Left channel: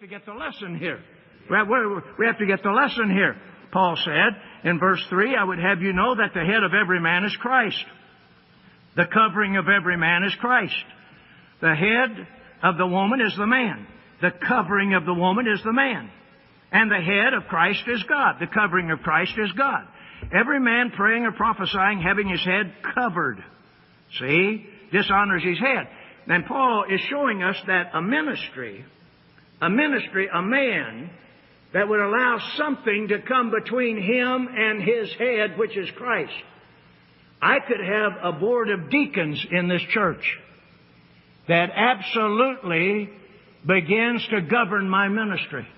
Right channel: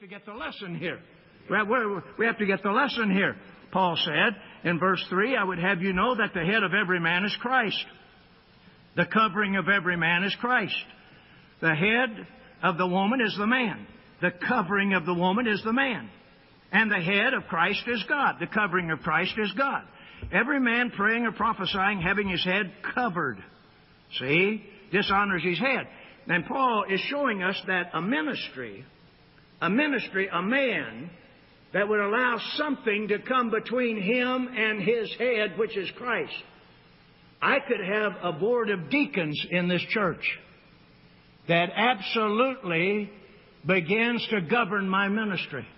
to get the lesson here. We have to get the lesson here. Paul said in verse 3, I would have you know that the head of every man is Christ. The covering of every man is Christ. The head of the woman is the man. The covering of the woman is the man. And the head of Christ is God. The covering of Christ is God. Every man praying or prophesying having his head covered, see, dishonors his head. And Paul is showing us that a man that would allow something to come between him and his head, which is Christ. I could have a board of deacons in this church that absolutely begins to govern my ministry.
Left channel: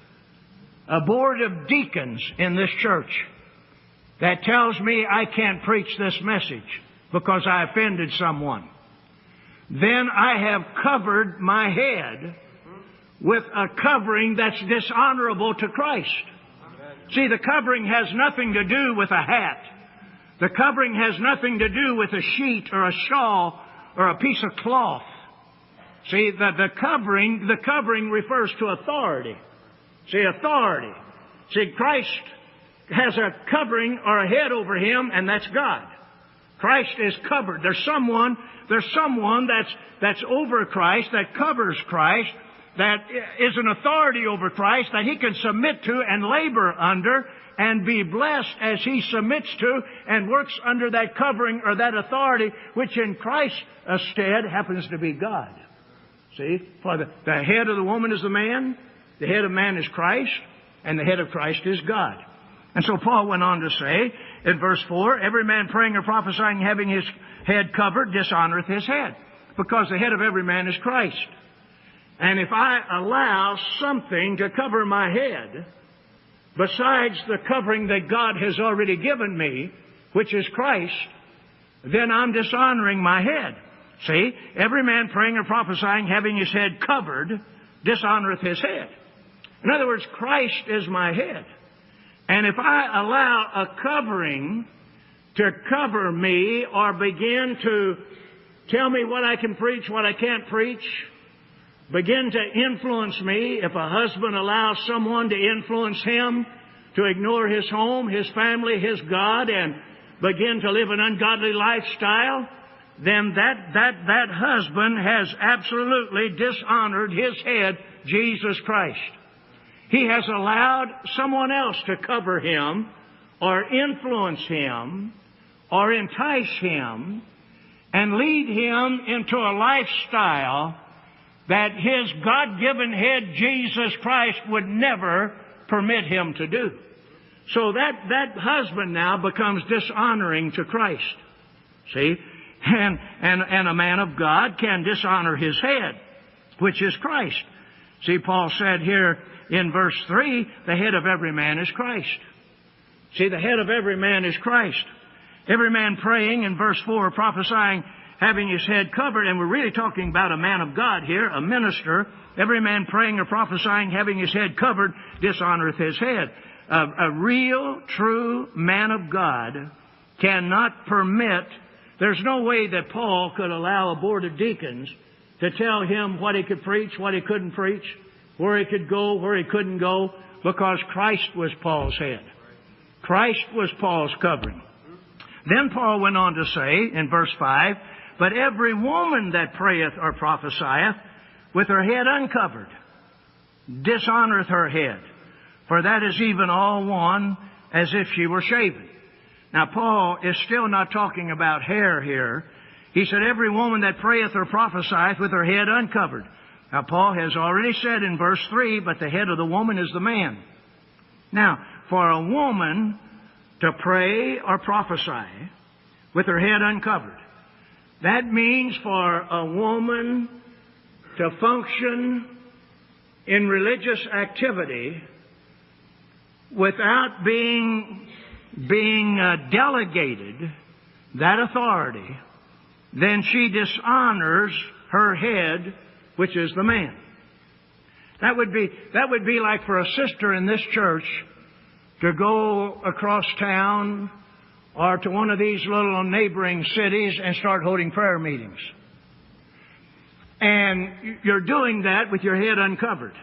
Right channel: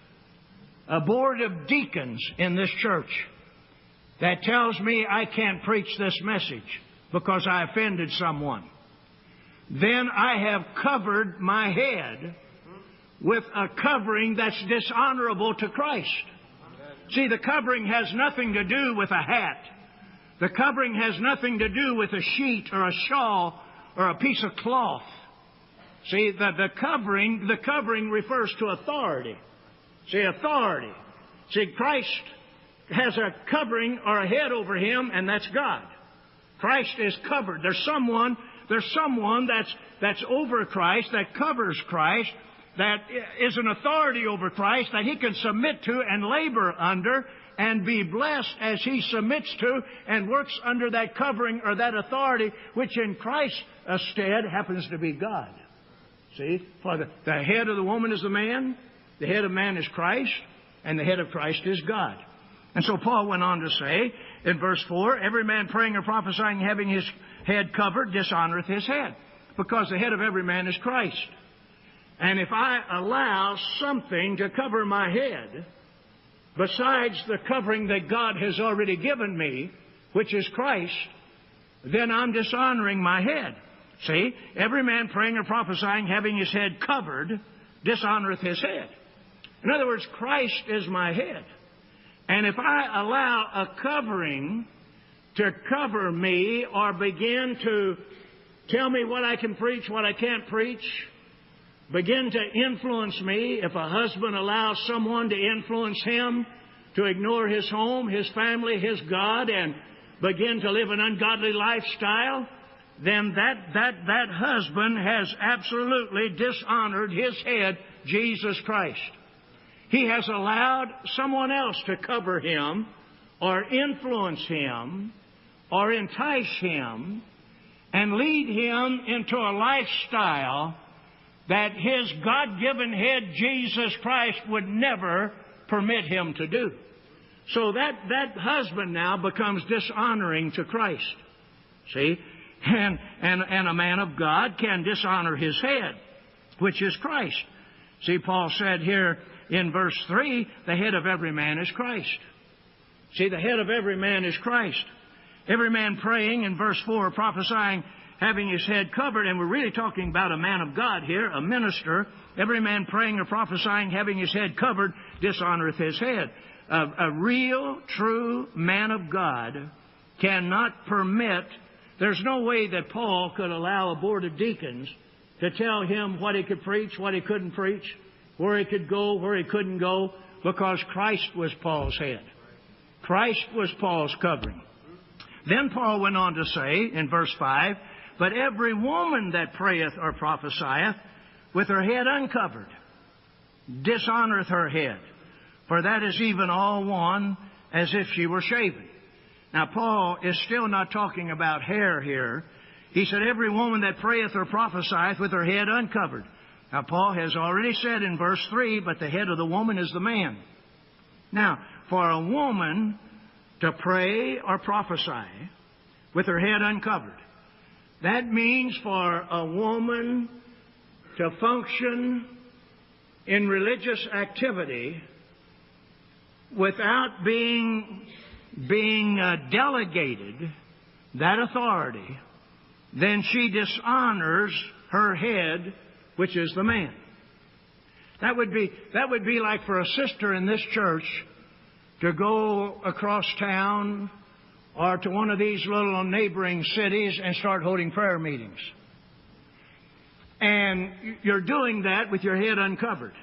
A board of deacons in this church that tells me I can't preach this message because I offended someone. Then I have covered my head with a covering that's dishonorable to Christ. See, the covering has nothing to do with a hat. The covering has nothing to do with a sheet or a shawl or a piece of cloth. See, the covering refers to authority. See, authority. See, Christ has a covering or a head over him, and that's God. Christ is covered. There's someone that's over Christ, that covers Christ, that is an authority over Christ that he can submit to and labor under and be blessed as he submits to and works under that covering or that authority, which in Christ's stead happens to be God. See, for the head of the woman is the man, the head of man is Christ, and the head of Christ is God. And so Paul went on to say in verse 4, every man praying or prophesying having his head covered dishonoreth his head, because the head of every man is Christ. And if I allow something to cover my head besides the covering that God has already given me, which is Christ, then I'm dishonoring my head. See, every man praying or prophesying having his head covered dishonoreth his head. In other words, Christ is my head. And if I allow a covering to cover me or begin to tell me what I can preach, what I can't preach, begin to influence me, if a husband allows someone to influence him to ignore his home, his family, his God, and begin to live an ungodly lifestyle, then that husband has absolutely dishonored his head, Jesus Christ. He has allowed someone else to cover him or influence him or entice him and lead him into a lifestyle that his God-given head, Jesus Christ, would never permit him to do. So that husband now becomes dishonoring to Christ. See? And a man of God can dishonor his head, which is Christ. See, Paul said here in verse 3, the head of every man is Christ. See, the head of every man is Christ. Every man praying in verse 4, prophesying, having his head covered, and we're really talking about a man of God here, a minister. Every man praying or prophesying, having his head covered, dishonoreth his head. A real, true man of God cannot permit. There's no way that Paul could allow a board of deacons to tell him what he could preach, what he couldn't preach, where he could go, where he couldn't go, because Christ was Paul's head. Christ was Paul's covering. Then Paul went on to say in verse 5, but every woman that prayeth or prophesieth with her head uncovered dishonoreth her head, for that is even all one as if she were shaven. Now, Paul is still not talking about hair here. He said, every woman that prayeth or prophesieth with her head uncovered. Now, Paul has already said in verse 3, but the head of the woman is the man. Now, for a woman to pray or prophesy with her head uncovered, that means for a woman to function in religious activity without being delegated that authority, then she dishonors her head, which is the man. That would be like for a sister in this church to go across town or to one of these little neighboring cities and start holding prayer meetings. And you're doing that with your head uncovered.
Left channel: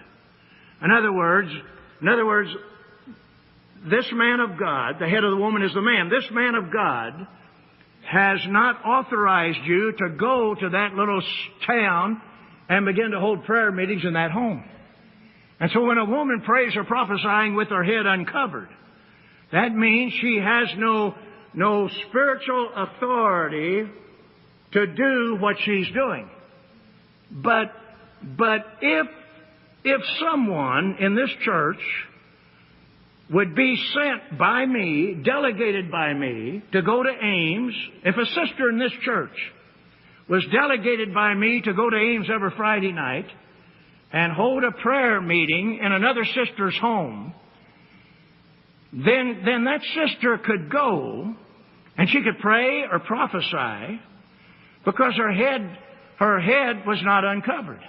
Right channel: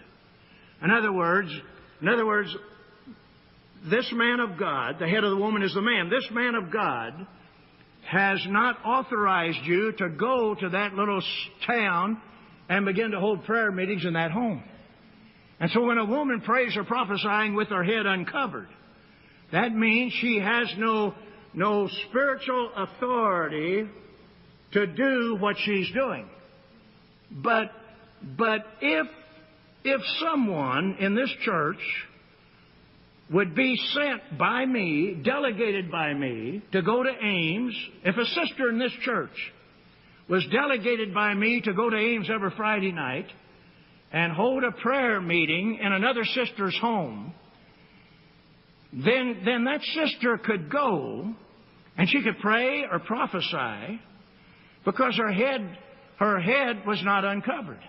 In other words, this man of God, the head of the woman is the man. This man of God has not authorized you to go to that little town and begin to hold prayer meetings in that home. And so when a woman prays or prophesying with her head uncovered, that means she has no spiritual authority to do what she's doing. But if someone in this church would be sent by me, delegated by me, to go to Ames, if a sister in this church was delegated by me to go to Ames every Friday night and hold a prayer meeting in another sister's home, then that sister could go and she could pray or prophesy because her head was not uncovered.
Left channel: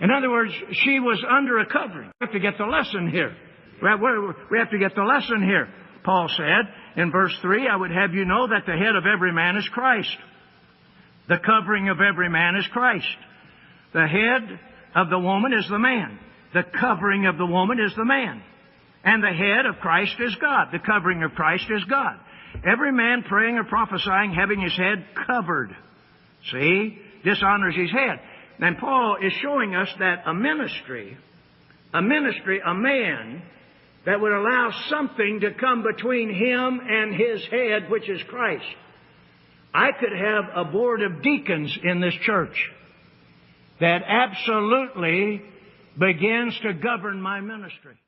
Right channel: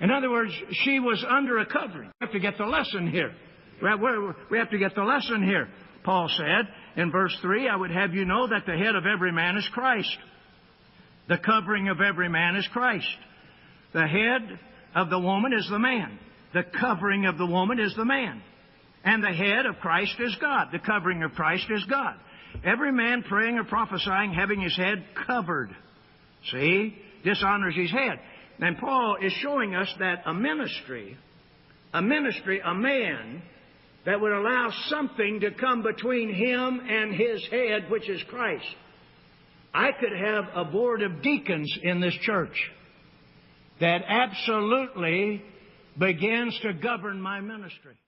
In other words, she was under a covering. We have to get the lesson here. We have to get the lesson here. Paul said in verse 3, I would have you know that the head of every man is Christ. The covering of every man is Christ. The head of the woman is the man. The covering of the woman is the man. And the head of Christ is God. The covering of Christ is God. Every man praying or prophesying having his head covered, see, dishonors his head. And Paul is showing us that a ministry, a man that would allow something to come between him and his head, which is Christ. I could have a board of deacons in this church that absolutely begins to govern my ministry.